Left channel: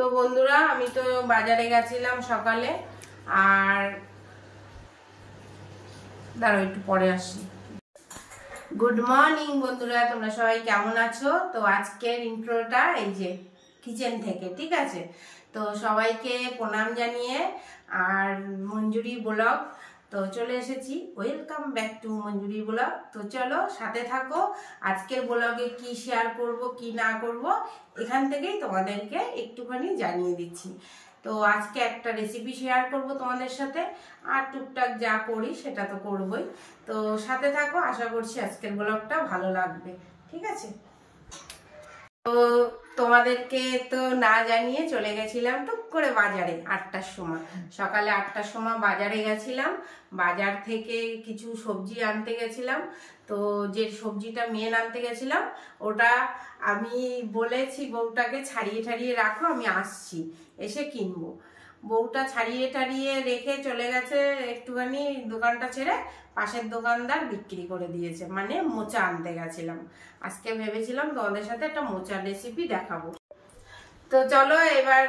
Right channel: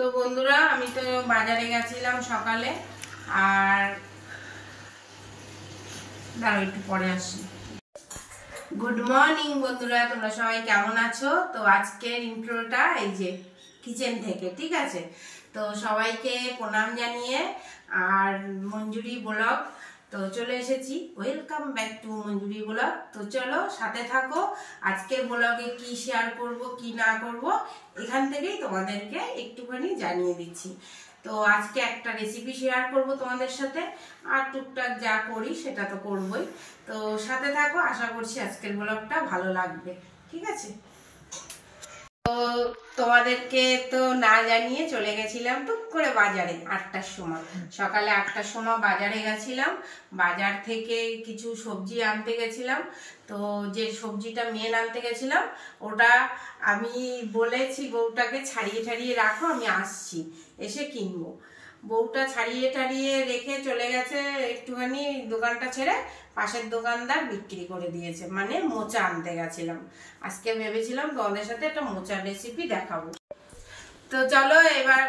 তো বন্ধুরা আমি তো বাজারে গেছিলাম সকালে, আর দাঁড়াও একটু পরে আসি। গুড মর্নিং বন্ধুরা, তোমরা সবাই কেমন আছো? তো আজকের ইন্ট্রোটা এই যে কিচেন থেকে, ঠিক আছে? তো সবাইকে প্রণাম জানিয়ে আর মঞ্জুরি ব্লগ তো চলে এসেছি। Welcome back to Manjuri blog. তো চলো সাথে থাকো, আজকের ব্লগে কি শেয়ার করব কি না করব এখান থেকেই তোমাদেরকে একটুখানি জানিয়ে দিচ্ছি। তো আজকে একটা রেসিপি শেয়ার করব তোমাদের সাথে, আর টুকটাক যা করি সেটা তো করবই। তো সাথে থাকো, আশা করছি আজকের ব্লগটা ভালো লাগবে, ঠিক আছে? তো তোমাদেরকে তো না জানিয়ে চলে গেছিলাম টুক করে বাজারে 8টার সময়, সকালে 8টার সময় বাজারে গেছিলাম। বাজার থেকে কিছু সবজি আনতে গেছিলাম। তো যে সবজিটা মেন আনতে গেছিলাম ওটা আমি বলেছি বউটাকে ছাড়িয়ে ছাড়িয়ে রাখো, আমি আসছি, এসে কিনবো। বউটা ছাড়িয়ে ছাড়িয়ে রেখে চলে গেছে, একটুখানি দোকানটা ছেড়ে পাশের দোকানদার বিক্রি করে দিয়েছে। মানে মোচা আনতে গেছিলাম। আজকে ভেবেছিলাম তোমাদের সাথে একটা মোচার রেসিপি দেখাবো। তো চলো এবার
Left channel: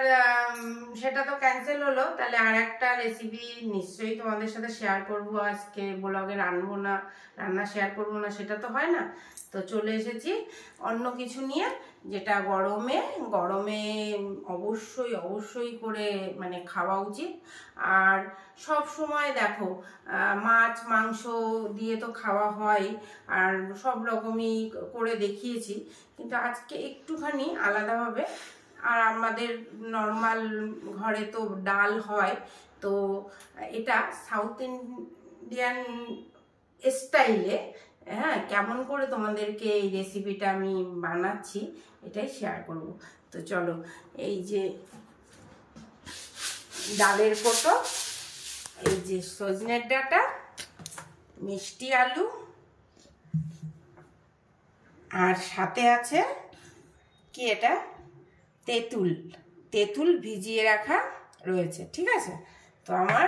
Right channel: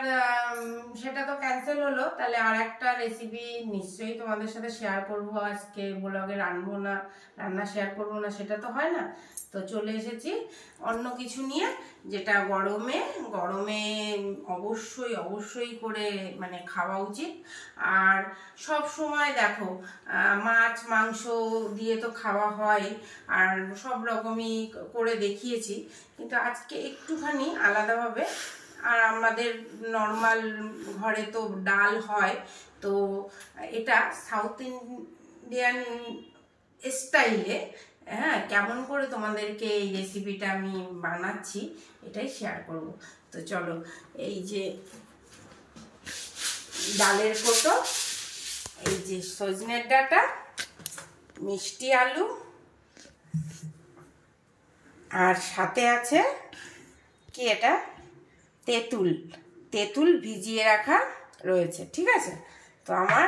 সেটা তো ক্যান্সেল হলো, তাহলে আর একটা রেসিপি নিশ্চয়ই তোমাদের সাথে শেয়ার করব। আজকে ব্লগে রান্না শেয়ার করবো না, সেটা তো হয় না। তো চলে এসেছি অন্য কিছু নিয়ে, যেটা গরমে অবশ্যই করে মানে খাওয়া উচিত। আর সব সময় দেখো মাছ মাংস দিয়ে তো খাওয়া হয়, আর সব রকমই করে দেখিয়েছি, কিন্তু আজকে একটুখানি আলাদাভাবে। আর আমাদের নর্মাল ঘরে তো ডাল হয়, তো এটা সাউথ ইন্ডিয়ান স্টাইলে, হ্যাঁ, কেমন করে তোমাদেরকে এই রেসিপিটা আমি বানাচ্ছি এটাই শেয়ার করব। তো চলো, এই যে ডালের কোটো, এই যে সজনের ডাঁটা, মিষ্টি আলু, আর সাথে আছে কি এটা তেঁতুল ভিজিয়ে রাখা রয়েছে, ঠিক আছে? তো আমার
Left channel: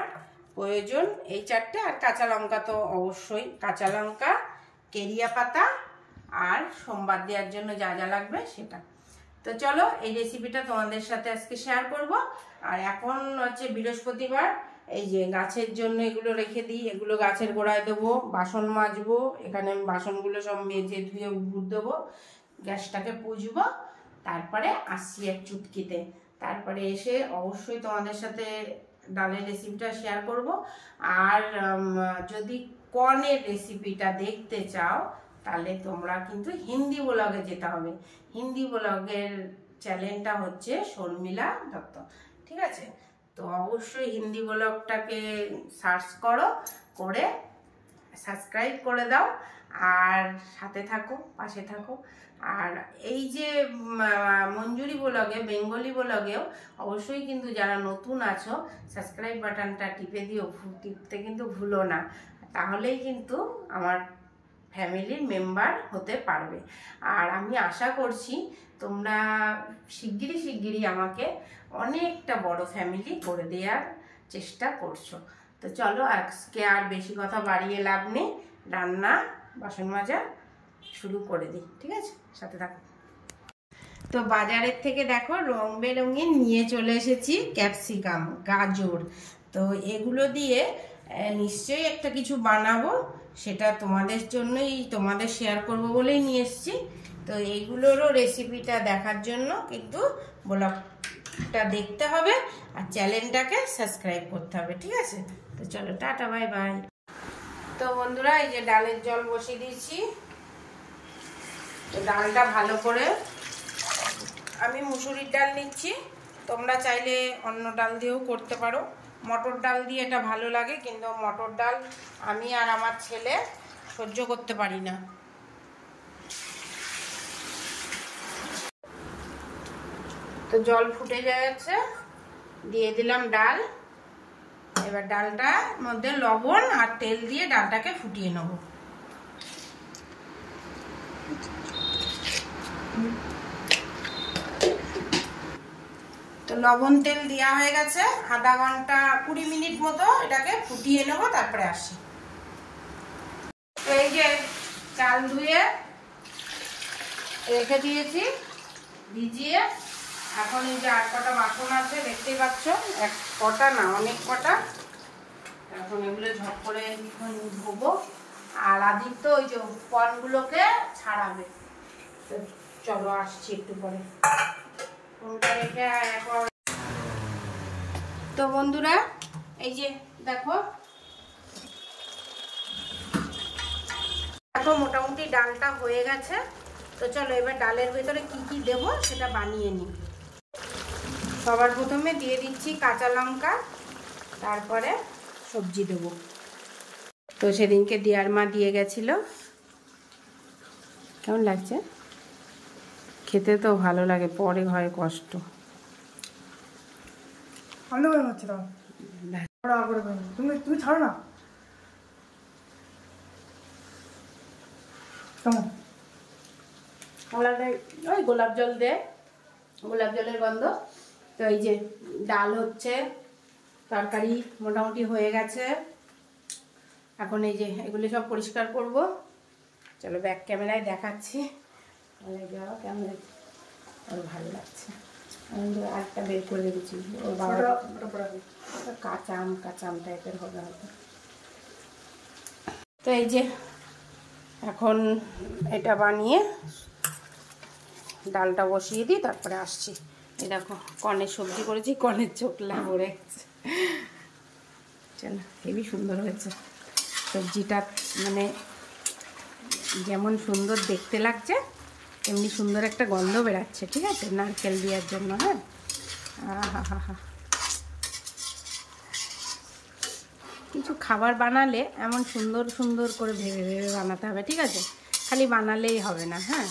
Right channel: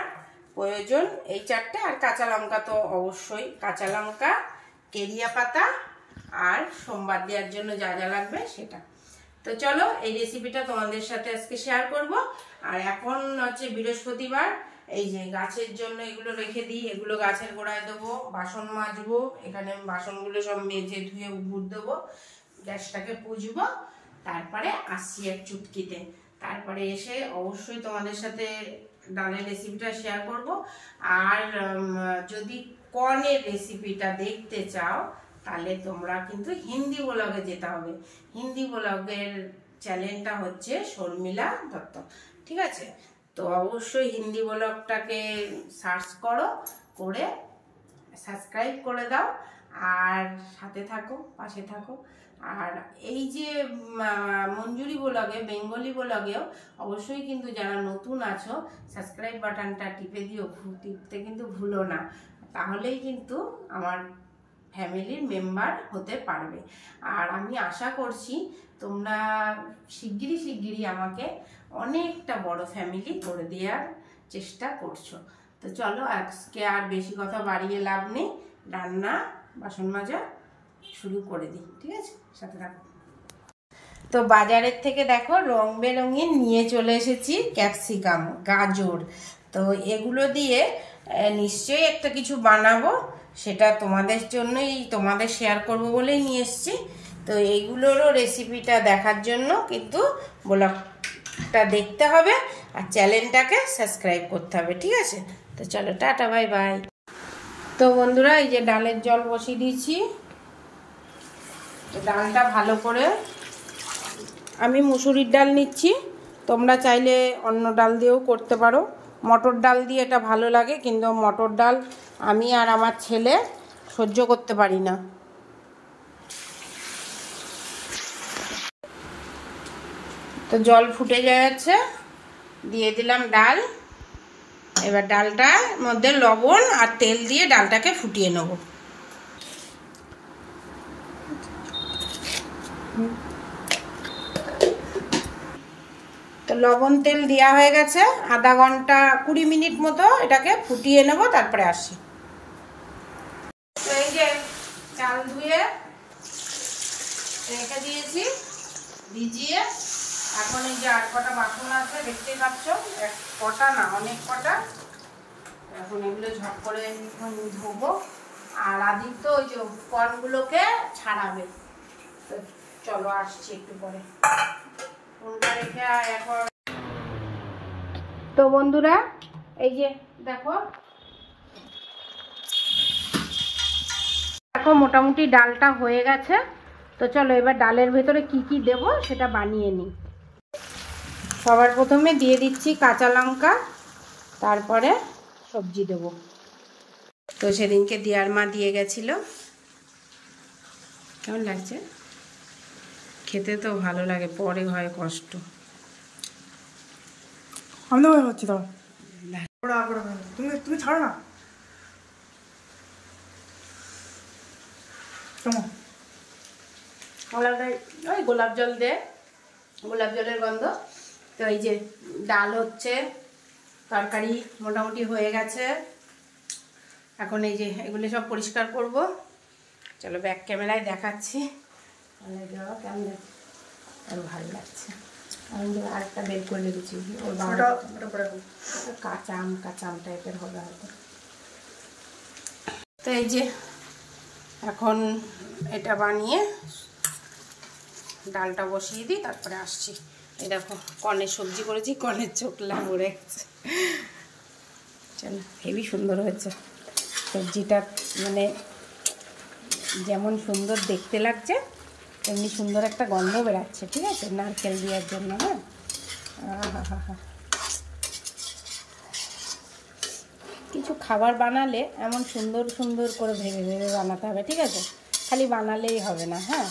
প্রয়োজন এই চারটে, আর কাঁচা লঙ্কা তো অবশ্যই, কাঁচা লঙ্কা, কেরিয়া পাতা, আর সোমবার দেওয়ার জন্য যা যা লাগবে সেটা। তো চলো এই রেসিপিটা তোমাদের সাথে আজকে শেয়ার করব। আর এখন হচ্ছে বৃহস্পতিবার, এই যে গাছের জন্য এগুলো রেখে দিই, এগুলো গাছের গোড়ায় দেবো। বাসন মাজবো, এখানে আমি বাসনগুলো সব মেজে ধুয়ে উপর দেবো, গ্যাসটাকে পুজবো, তারপরে আসছি এক চুটকিতে। তারপরে এসে অবশ্যই তোমাদের সাথে ডালের রেসিপিটা শেয়ার করব। আর যদি কর্নের রেসিপিটা দেখতে চাও তাহলে তোমরা কিন্তু হিন্দি ব্লগে যেতে হবে। হিন্দি ব্লগের চ্যানেলটা হচ্ছে শর্মিলা দত্ত, ঠিক আছে? তো অবশ্যই হিন্দি ব্লগটাকে সার্চ করো, করে সাবস্ক্রাইব করে দাও, আর সাথে থাকো, পাশে থাকো। আর এই যে মঞ্জুরি ব্লগে, বেঙ্গলি ব্লগেও অবশ্যই কিন্তু যারা নতুন আছো সাবস্ক্রাইব বাটনটা টিপে দিও, টিপতে কিন্তু ভুলো না, তাহলেই কিন্তু আমার ফ্যামিলির মেম্বার হতে পারবে। আর আমি আশা করছি তোমরা শিগগিরই আমাকে অনেকটা বড় ফ্যামিলি করে দেওয়ার চেষ্টা করছো। তো চলো আজকে আর বেশি কথা বাড়িয়ে লাভ নেই, রান্না বাসন মাজা শুরু করে দিই, ঠিক আছে? সাথে থাকো। তো বাজারের থেকে দেখো রং বেরঙিন নিয়ে চলে এসেছি ক্যাপসিকাম, গাজর। তো এগুলো দিয়ে নিশ্চয়ই একটা কিছু বানাবো, সেটা তোমাদের জন্যই, তোমাদের শেয়ার করব বলেই নিয়ে এসেছি। তো এইগুলোরও রেসিপিটা দেখার জন্য কিন্তু ব্লগটা দেখতে হবে, আর চ্যানেলটাকে সাবস্ক্রাইব করতে হবে, ঠিক আছে? তো চলো টাটা, বাই বাই। তো বন্ধুরা এই যে ডালের জল বসিয়ে দিয়েছি। ডালটা ভালো করে, আমি মুসুরির ডাল নিচ্ছি, তোমরা চাইলে অন্য ডাল দিয়েও করতে পারো। মটর ডাল দিয়ে এটা ভালো লাগে, কিন্তু মটর ডাল আমি আর আমার ছেলে সহ্য করতে পারি না। তো জল ফুটে যাচ্ছে, দিয়ে দিলাম ডাল। এবার ডালটার মধ্যে লবণ আর তেল দিয়ে ডালটাকে ফুটিয়ে নেব। তো লবণ তেল দেওয়া হয়ে গেছে, আধা ঘন্টা 20 মিনিট মতো এটাকে ফুটিয়ে নেব, তারপরে আসি। তো এই যে চাল ধুয়ে রেখে দিয়েছি ভিজিয়ে, এখন এই যে আর কটা বাসন আছে দেখতেই পাচ্ছ, এক কটা না অনেক কটা। এখন এগুলো ঝপ করে ধোবো। আর আদিত্য ওই যে কর্নগুলোকে ছাড়াবে। তো চলো আসছি একটু পরে। তো বন্ধুরা এই যে দেখো মোটামুটি ডালটা হয়ে গেছে। তো চলো এবার ডালের ভেতরে কি কি দেব সেটা বানিয়ে নিই। সবার প্রথমে দিয়ে দিচ্ছি কাঁচা লঙ্কা, তারপরে সবজি দেব। তো সেদিনকে দিয়ার মা দিয়ে গেছিল। কেমন লাগছে? খেতে তো ভালো লাগে, পরে হয় কষ্ট। আমি হচ্ছি তো তুমি ছাড়ো না। ওই গোলাপ জল দে, গোলাপ জলের গন্ধ। তো এই যে ডাল হচ্ছে, তরকারি মোটামুটি হয়ে গেছে। এখন এই যে এগুলো সব পরিষ্কার করব। চলো ব্যাক ক্যামেরায় দেখাচ্ছি। কেমন লাগছে? আর ভালো লাগছে। আমি আরেকটা বের করে রেখেছি, ওর বাবা কাঁচা আম টাইপের হবে হয়তো। তো এই যে এখন এটা বানিয়ে ডালটা বসিয়ে দিই, তারপরে আসছি। এই দেখো কর্নের সবজি করেছি, কর্নের চোখলা ভরে গেছে। চলো হেবি সুন্দর হয়েছে সবজিটা, মানে যেমন সুন্দর দেখতে লাগছে তেমনি সুন্দর একটা গন্ধ বেরাচ্ছে। ঠিক আছে, নারকেল দেওয়ার জন্য। হ্যাঁ, কিছু খাবার বানালে এমন সুন্দর সুন্দর করে ভেবে ভেবে বানাতে হবে। ঠিক আছে, খালি বানালেই হবে না। হ্যাঁ,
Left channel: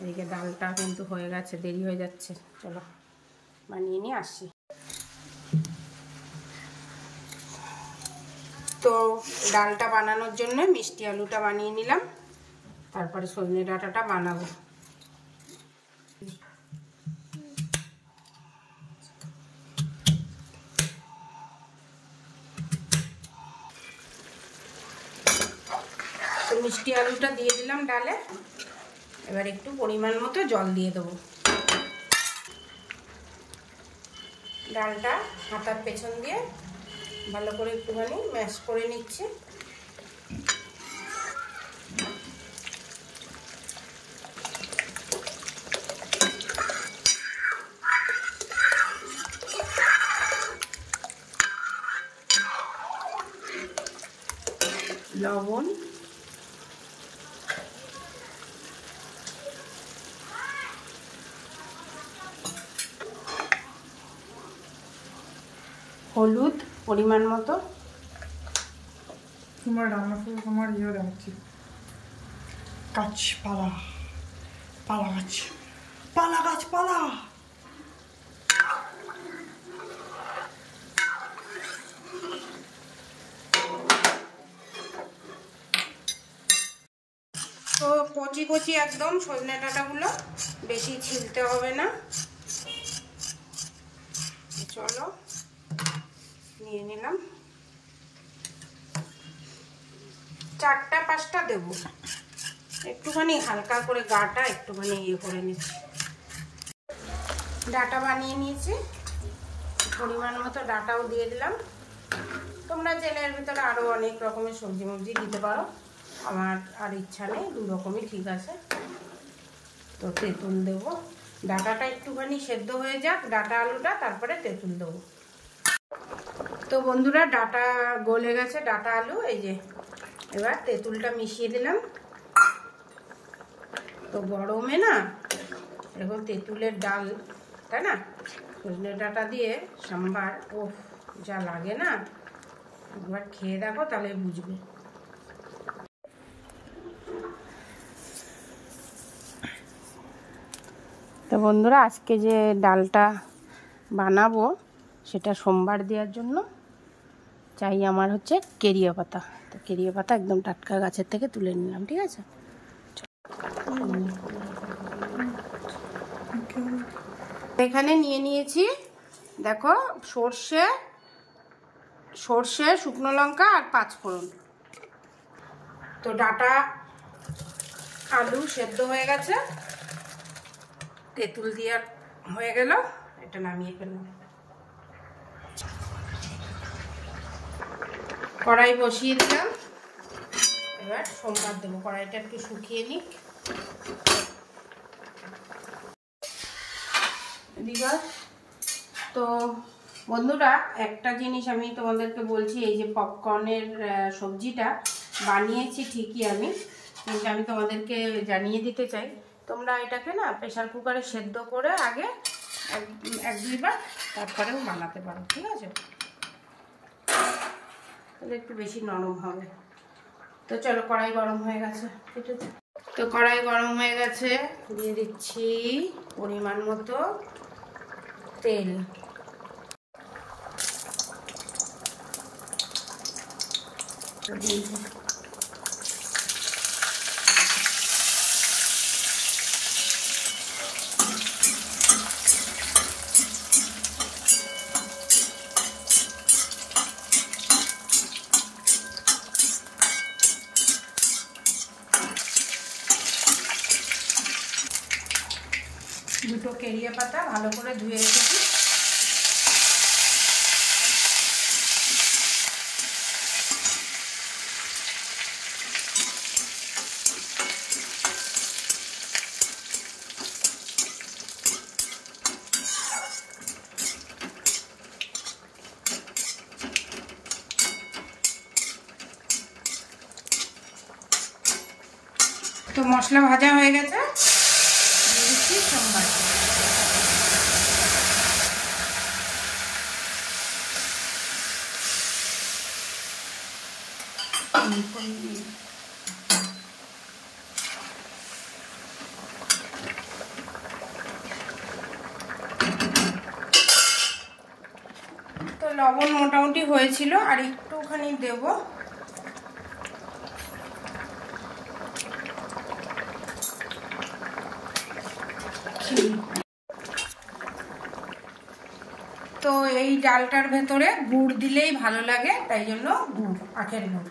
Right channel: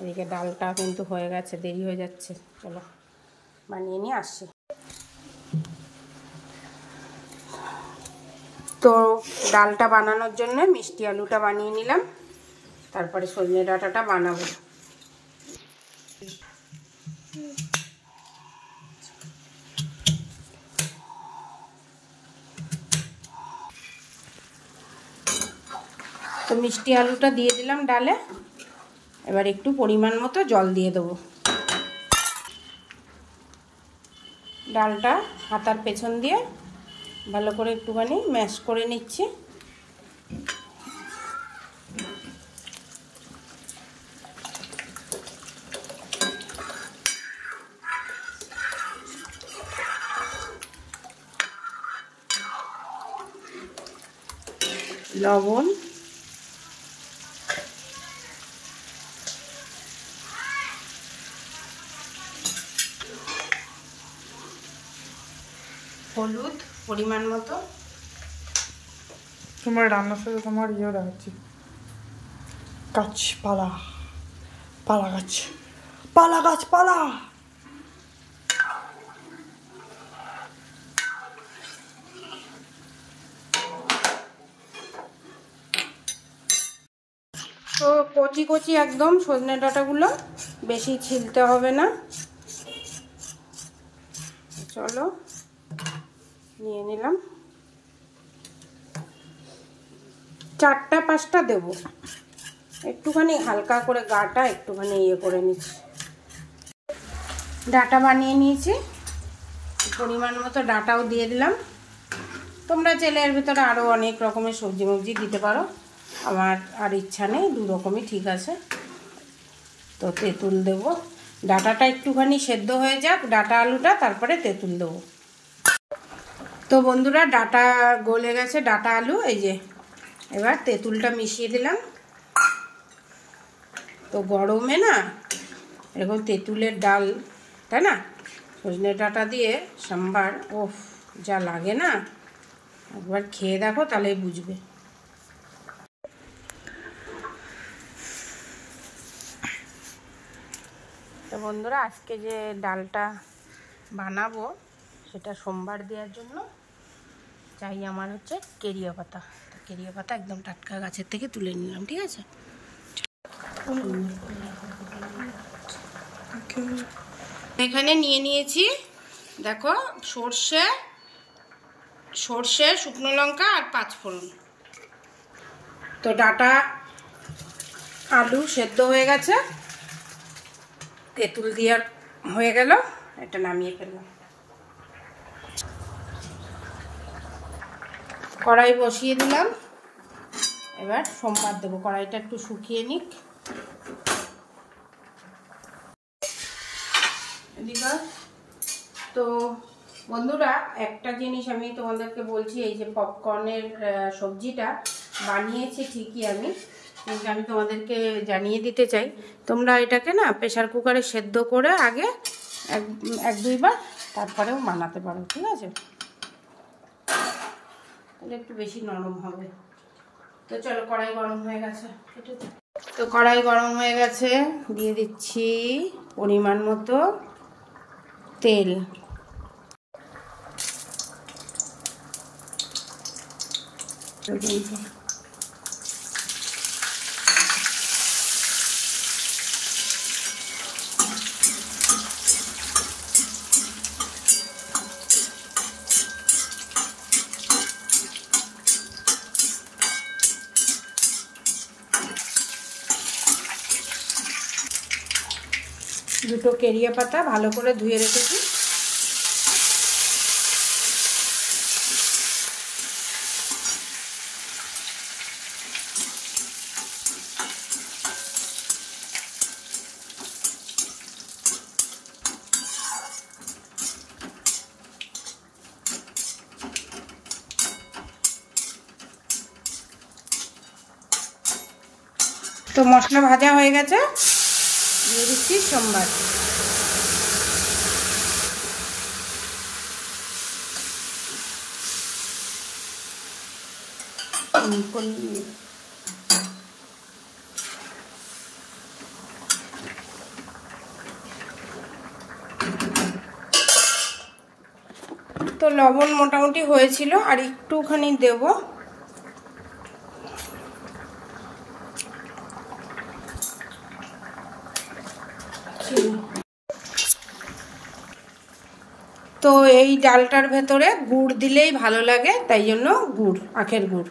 এদিকে ডালটা কিন্তু হয়ে গেছে, দেরি হয়ে যাচ্ছে। চলো বানিয়ে নিয়ে আসছি। তো ডালটা বানানোর জন্য মিষ্টি আলুটা বানিয়ে নিলাম, তারপরে সজনে ডাঁটাটা বানাবো। তো মিষ্টি আলুটা দিয়ে দিলাম ডালে। এবার একটু পরিমাণ মতো জল দিয়ে দেবো। ডালটা হাতার পেছন দিয়ে ভালো করে একটুখানি ম্যাশ করে নিচ্ছি। লবণ, হলুদ পরিমাণ মতো। তোমার রান্নার সাথে তোমার ইয়ে দেখাচ্ছি, গাছপালা, পালা গাছ, পালা গাছপালা। তো কচি কচি একদম সজনে ডাঁটাগুলো, বেশি ছিলতে হবে না। চলো নিয়ে নিলাম, 4টা 5টা দেব। একটুখানি হালকা করে গাটা একটুখানি ইয়ে করে নিচ্ছি। ডাঁটা বানিয়ে নিয়েছি, পরিমাণ মতো ডাঁটাও দিয়ে দিলাম। তোমরা চাইলে এর ভিতরে আরও অনেক রকমের সবজি মবজি দিতে পারো, আমার আর ইচ্ছা নেই, 2 রকমই ঠিক আছে। তো তেঁতুল দেব, ডাঁটাটা একটুখানি সেদ্ধ হয়ে যাক, ডাঁটা আলুটা, তারপরে তেঁতুল দেবো। তো বন্ধুরা ডাঁটা গলে গেছে, ডাঁটা আলু। এই যে এবার তেঁতুলটা মিশিয়ে দিলাম। তো গরমে না এরকম তেঁতুলের ডাল, তাই না, সজনে ডাঁটা দিয়ে সম্বার, ওফ যা লাগে না, একবার খেয়ে দেখো তাহলে বুঝবে। তো বন্ধুরা আজকে যে ডালটা বানাবো সেটা সোমবার দেওয়ার জন্য চাই আমার হচ্ছে কেরিয়া পাতা। তো কেরিয়া পাতা একদম টাটকা গাছের থেকে তুলে নিলাম। ঠিক আছে, এখানে নিয়ে নিয়েছি দেখো সর্ষে, শুকনো লঙ্কা আর 5 ফোড়ন। তো ডাঁটা আলু সেদ্ধ হয়ে গেছে, তেঁতুল দিয়ে হয়ে গেল, এটা নামিয়ে ফেললাম। কড়াই বসিয়ে দিলাম, এবার সোমবার দেবো। কড়াইটা একটু শুকিয়ে নিক। এদিকে তো বন্ধুরা একটা জিনিস আমি তোমাদেরকে বলছি, এই যে পপকর্নের সবজিটা বানিয়েছি ঠিকই আমি, কিন্তু আমি তোমাদেরকে জানিয়ে দিতে চাই, তোমরা এটাকে না প্রেসার কুকারে সেদ্ধ করে আগে এক দুইবার তারপরেও বানাতে পারো, ঠিক আছে? তাহলে একটু বেশি নরম হবে। তো চলো, কড়াই গরম হয়ে গেছে, তো কড়াই গরম হয়ে গেছে, দিয়ে দিচ্ছি পরিমাণ মতো তেল। দুটো কেরিয়া পাতা ভালো করে ধুয়ে রেখেছি। তো মশলা ভাজা হয়ে গেছে, দিয়ে দিচ্ছি সোমবার। তো লবণ মোটামুটি হয়েছিল, আর একটুখানি দেব। তো এই ডালটার ভেতরে গুড় দিলেই ভালো লাগে, তাই জন্য গুড়, আখের গুড়।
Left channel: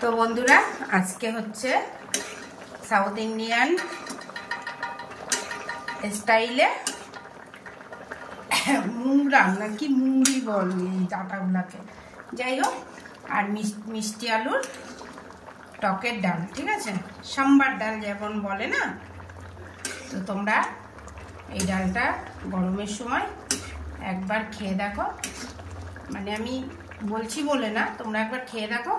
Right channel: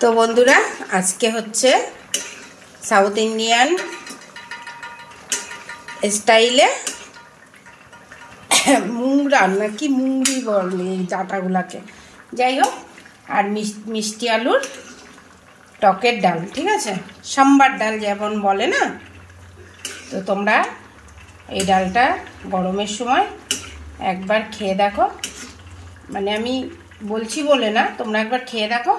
তো বন্ধুরা, আজকে হচ্ছে সাউথ ইন্ডিয়ান স্টাইলে মুগ রান্না, কি মুঙ্গি বলে এই ডাটাগুলাকে, যাই হোক, আর মিষ্টি আলুর টকের ডাল, ঠিক আছে? সাম্বার ডাল যেমন বলে না। তো তোমরা এই ডালটা গরমের সময় একবার খেয়ে দেখো, মানে আমি বলছি বলে না, তোমরা একবার খেয়ে দেখো,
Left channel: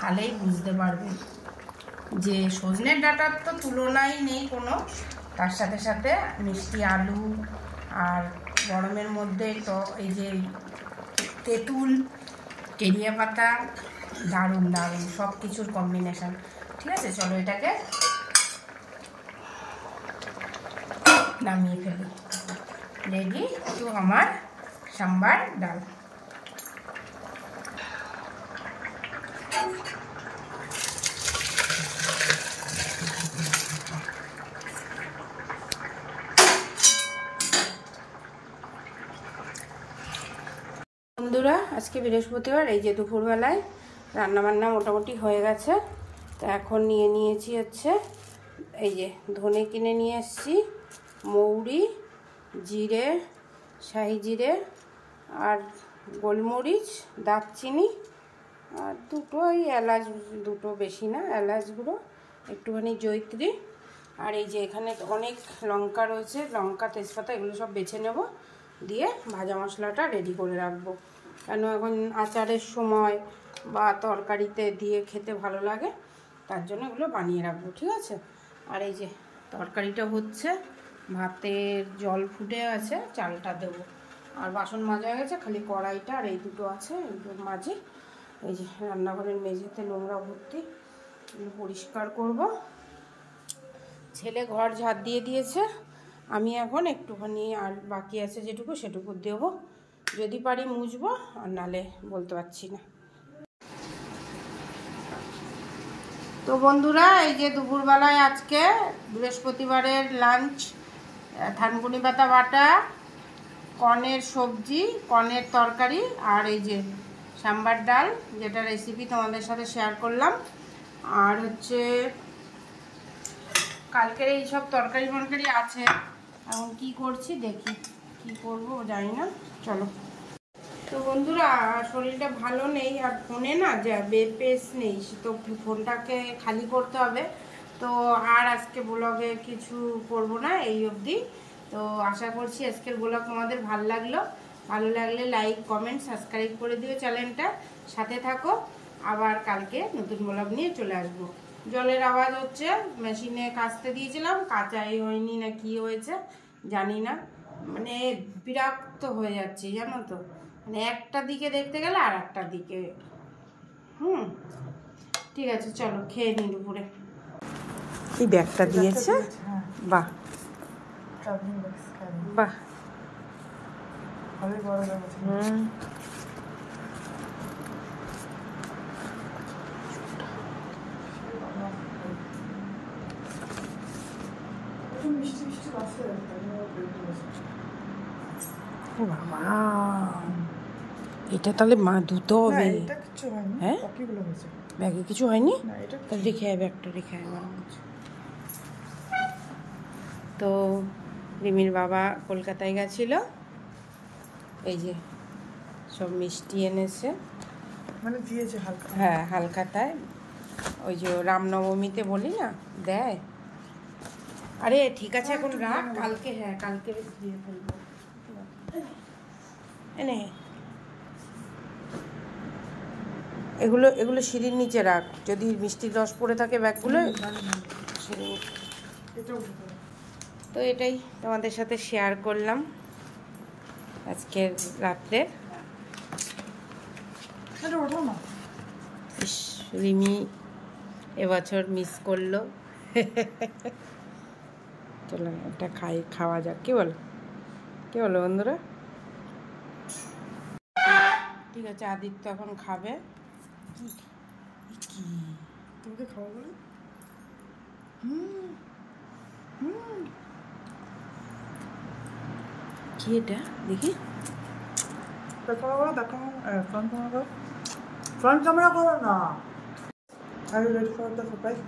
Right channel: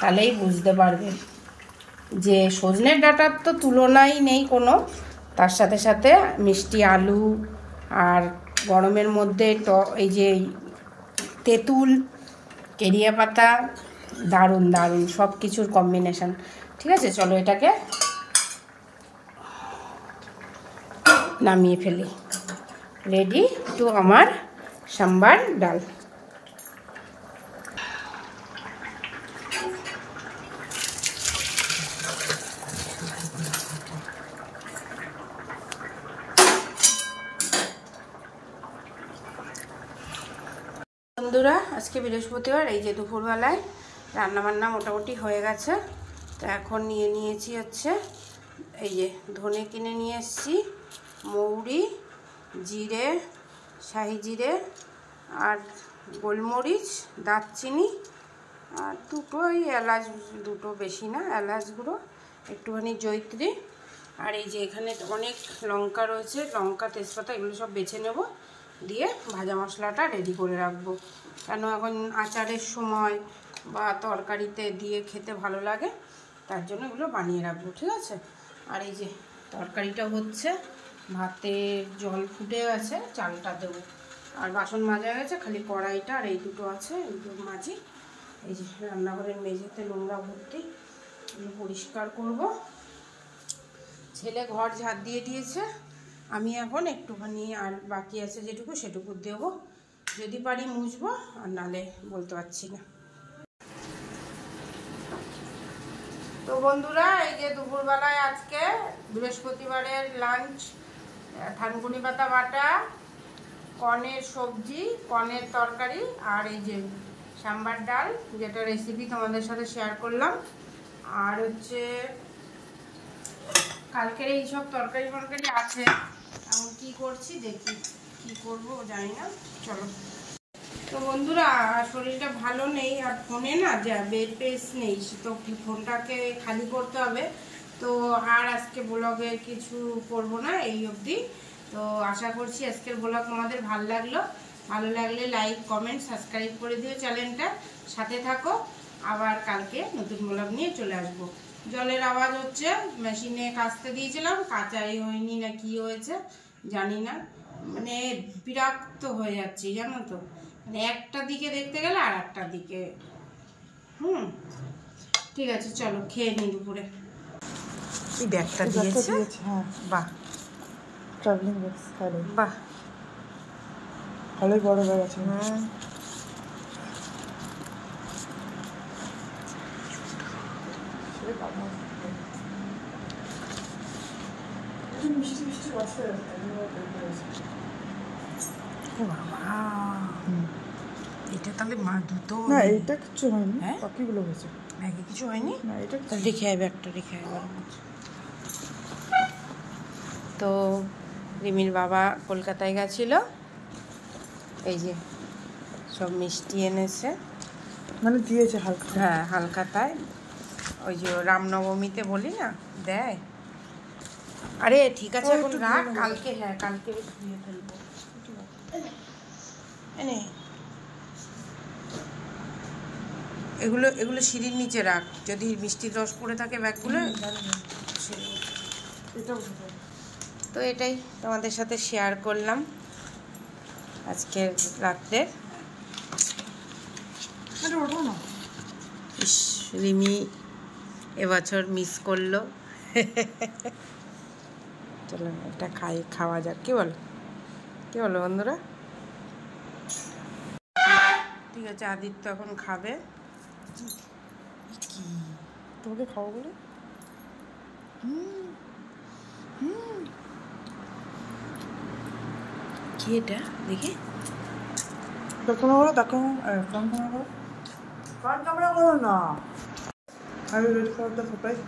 তাহলেই বুঝতে পারবে যে সজনের ডাঁটার তো তুলনাই নেই কোনো। তার সাথে সাথে মিষ্টি আলু আর গরমের মধ্যে এই যে তেঁতুল, কেরিয়া পাতা, দারুণ দারুণ সব কিছুর কম্বিনেশন, ঠিক আছে? চলো এটাকে নামিয়ে ফেলি। রেডি টু আমার সাম্বার ডাল। বন্ধুরা, আজকে বৃহস্পতিবার, এই যে দুপুরবেলায় রান্নাবান্না মোটামুটি হয়ে গেছে। তো এখন নিয়ে নিয়েছি হচ্ছে এই যে ধনে কিনে নিয়ে এসেছি, মৌরি, জিরে, শাহি জিরে আর গোলমরিচ, দারচিনি আর দুটো এই এলাচ, দুটো বেশি না, এলাচ গুঁড়ো, একটুখানি জয়িত্রী, আর এই যে এখানে অনেক লঙ্কা রয়েছে, লঙ্কা, তেজপাতা, এগুলো সব বেছে নেব, দিয়ে ভাজা মশলাটা রেডি করে রাখবো। কেন এখন আচারের সময় বা তরকারিতে দিয়ে খেতে ভালো লাগে, তার জন্য এগুলো বানিয়ে রাখবো, ঠিক আছে? আর এই যে তরকারিটা হচ্ছে, ভাতের জল ফুটে গেছে, চালটা দেবো, আর বাসন মাজা গেছে, খালি কড়াইটা আর এই দুটো আছে, এগুলো মাজি। এই যে রান্নাঘরের মেঝেতে নোংরা ভর্তি, এগুলো পরিষ্কার করব। ছেলে ঘর ঝাড় দিয়ে দিয়েছে, আমি এখন একটুখানি আর বাকি আছে যেটুকু সেটুকু দেবো, যদি পারি মুছবো, আর নালে বলতে পারছি না। তো বন্ধুরা, এই যে দুপুরবেলায় আজকে বৃহস্পতিবারের লাঞ্চ, থানকুনি পাতা বাটা, কর্নের সবজি, কর্নের তরকারি, আর এই যে সাম্বার ডাল, যেটা রেসিপি তোমাদের সাথে শেয়ার করলাম। আর হচ্ছে কালকের এই সব তরকারি মরকারি আছে। এখন কি করছি দেখি, কি করবো জানি না। চলো। তো বন্ধুরা, শরীরটা ভালো নেই আর ফোনে না বেপেস নেই, তো ফোনটাকে খালি করতে হবে। তো আর আজকে ব্লগে কিছু করব না এই অবধি। তো আশা করছি আজকের ব্লগ তোমাদের ভালো লাগলো। ভালো লাগলে লাইক, কমেন্ট, সাবস্ক্রাইব করে দিও চ্যানেলটা, সাথে থাকো। আবার কালকে নতুন ব্লগ নিয়ে চলে আসবো। জলের আওয়াজ হচ্ছে, মেশিনে কাচতে দিয়েছিলাম, কাচাই হয়নি না কি হয়েছে জানি না, মানে বিরক্ত হয়ে যাচ্ছে জানো তো, মানে একটা দিকে দেখতে গেলে আর একটা দিকে। ঠিক আছে, চলো খেয়ে নিই দুপুরে। এই ব্যাগটা দিয়েছে, বাহ ট্রাভেলিং ব্যাগ, বাহ, ভালোই বড় ব্যাগ আছে। মিষ্টি মিষ্টি রস হয়ে ও বাবা, এটা তাহলে মা ধুতে হবে? এটা কিছু হয়নি। হ্যাঁ, বাকিগুলো হয়েছে। ব্যাগে কিছু হয়নি? না, এটা তাহলে রেখে আয়, ব্যাগটা রেখে আয়। তো রিমির বাবা কলকাতায় গেছিল, এই যে সব মিষ্টি এনেছে, মানে দিয়েছে হালকা। হ্যাঁ হালখাতায়, ওই যে রামনবমীতে বলি না দেয়। আরে ঠিক আছে, এখন রাখ, কালকে, হ্যাঁ কালকে ধুয়ে ফেলবো। এনে এগুলো এগুলো সিঁড়ির নিচে রাখ, যদি মিষ্টির রস পড়ে থাকে ব্যাগগুলো সিঁড়ির নিচে। তো এটাই তোমাদের সাথে শেয়ার করলাম আজকের রাত্রের। ইস, রিমি এবছর মিস করলো। চলো একটা খাওয়া যাক, কি বলো বন্ধুরা? ঠিক আছে, আদিত্য এখন খাবে। কি তোমাকে খাবো বলে? কি এটা দেখি, দেখো না, দেখো ফ্রন্ট ক্যামেরা করো, ফ্রন্ট ক্যামেরা করো না। I will wait for the surprise.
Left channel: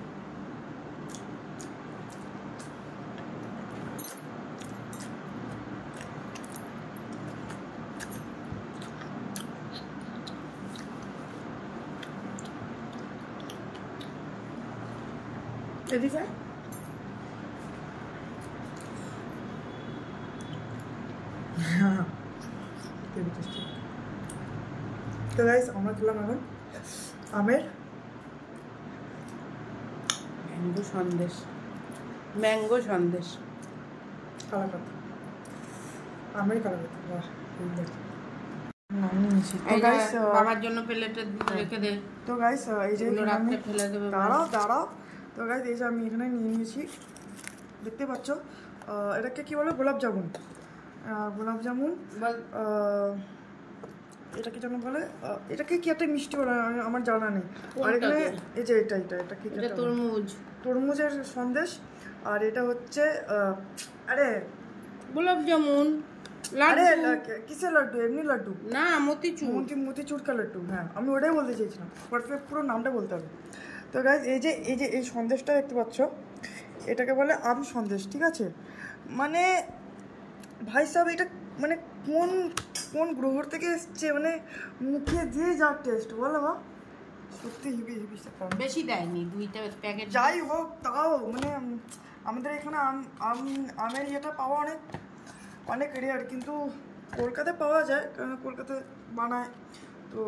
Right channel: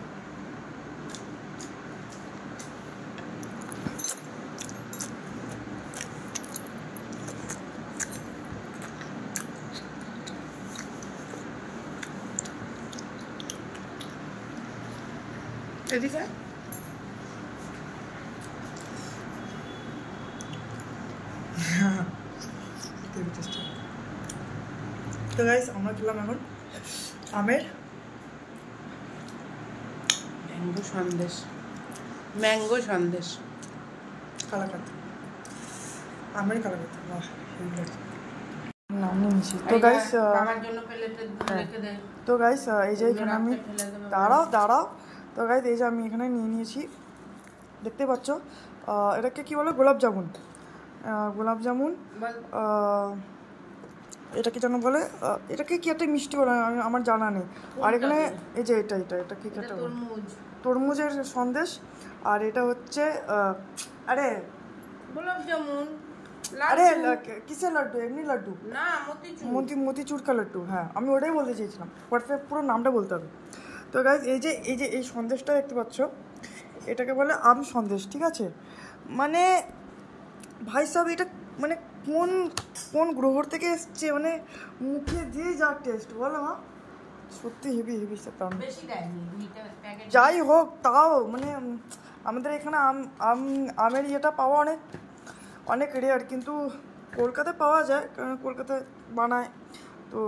এদিকে তো গাইস, আমরা খেলাম এখন আমের ম্যাঙ্গো সন্দেশ, কালাকাত, আমের কালাকাত। বাহ, নামিয়ে নিচ্ছি। তো গাইস, আমার জন্য প্লেটে রেখে দে। তো গাইস, এই যে এখানে আমি দাঁড়াও। তো গাইস, এই যে আমি এখানে নিয়ে নিয়েছি, দেখতে পাচ্ছ, এটাকে কি বলে? গোলাপ জামুন। এটাকে যেন বলে, এটাকে কি একটা মিষ্টি বলে আমার জানা নেই। আর এখানে এই যে এটা কি একটা তরমুজের সন্দেশ। আর এটা হচ্ছে আরে গোলাপ জামুন, আরে কিসের লাড্ডু? এমনি লাড্ডু না, মতিচুর কা লাড্ডু। হ্যাঁ, আমি ওটাই বলতে চেয়েছিলাম, পারফেক্ট পুরো নামটা বলতে হবে। তো গাইস, এই সন্দেশটা দেখতে পাচ্ছ, এটাকে বলে আম সন্দেশ, ঠিক আছে? মানে ভাই সাহেব, এটা মানে কোন গ্রহ থেকে এসছে, মানে মুখে দিয়ে যা টেস্ট, বলো মা, সত্যি হেভি বেশি দেয়নি, দুইটা প্যাকেট। যাই হোক, তাও মানে আমাদের এখানে আমের ইয়েটা পাওয়া অনেক রেয়ার, কিন্তু কলকাতায় পাওয়া যায়, কারণ কলকাতায় বানায়। তো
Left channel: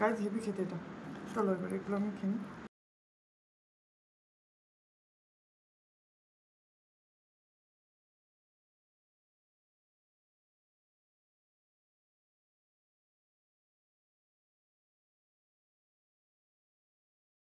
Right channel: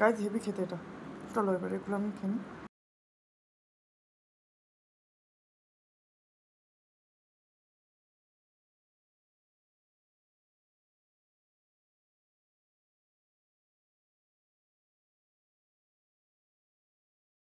গাইস, হেভি খেতে এটা। চলো এবার এগুলো আমি খেয়ে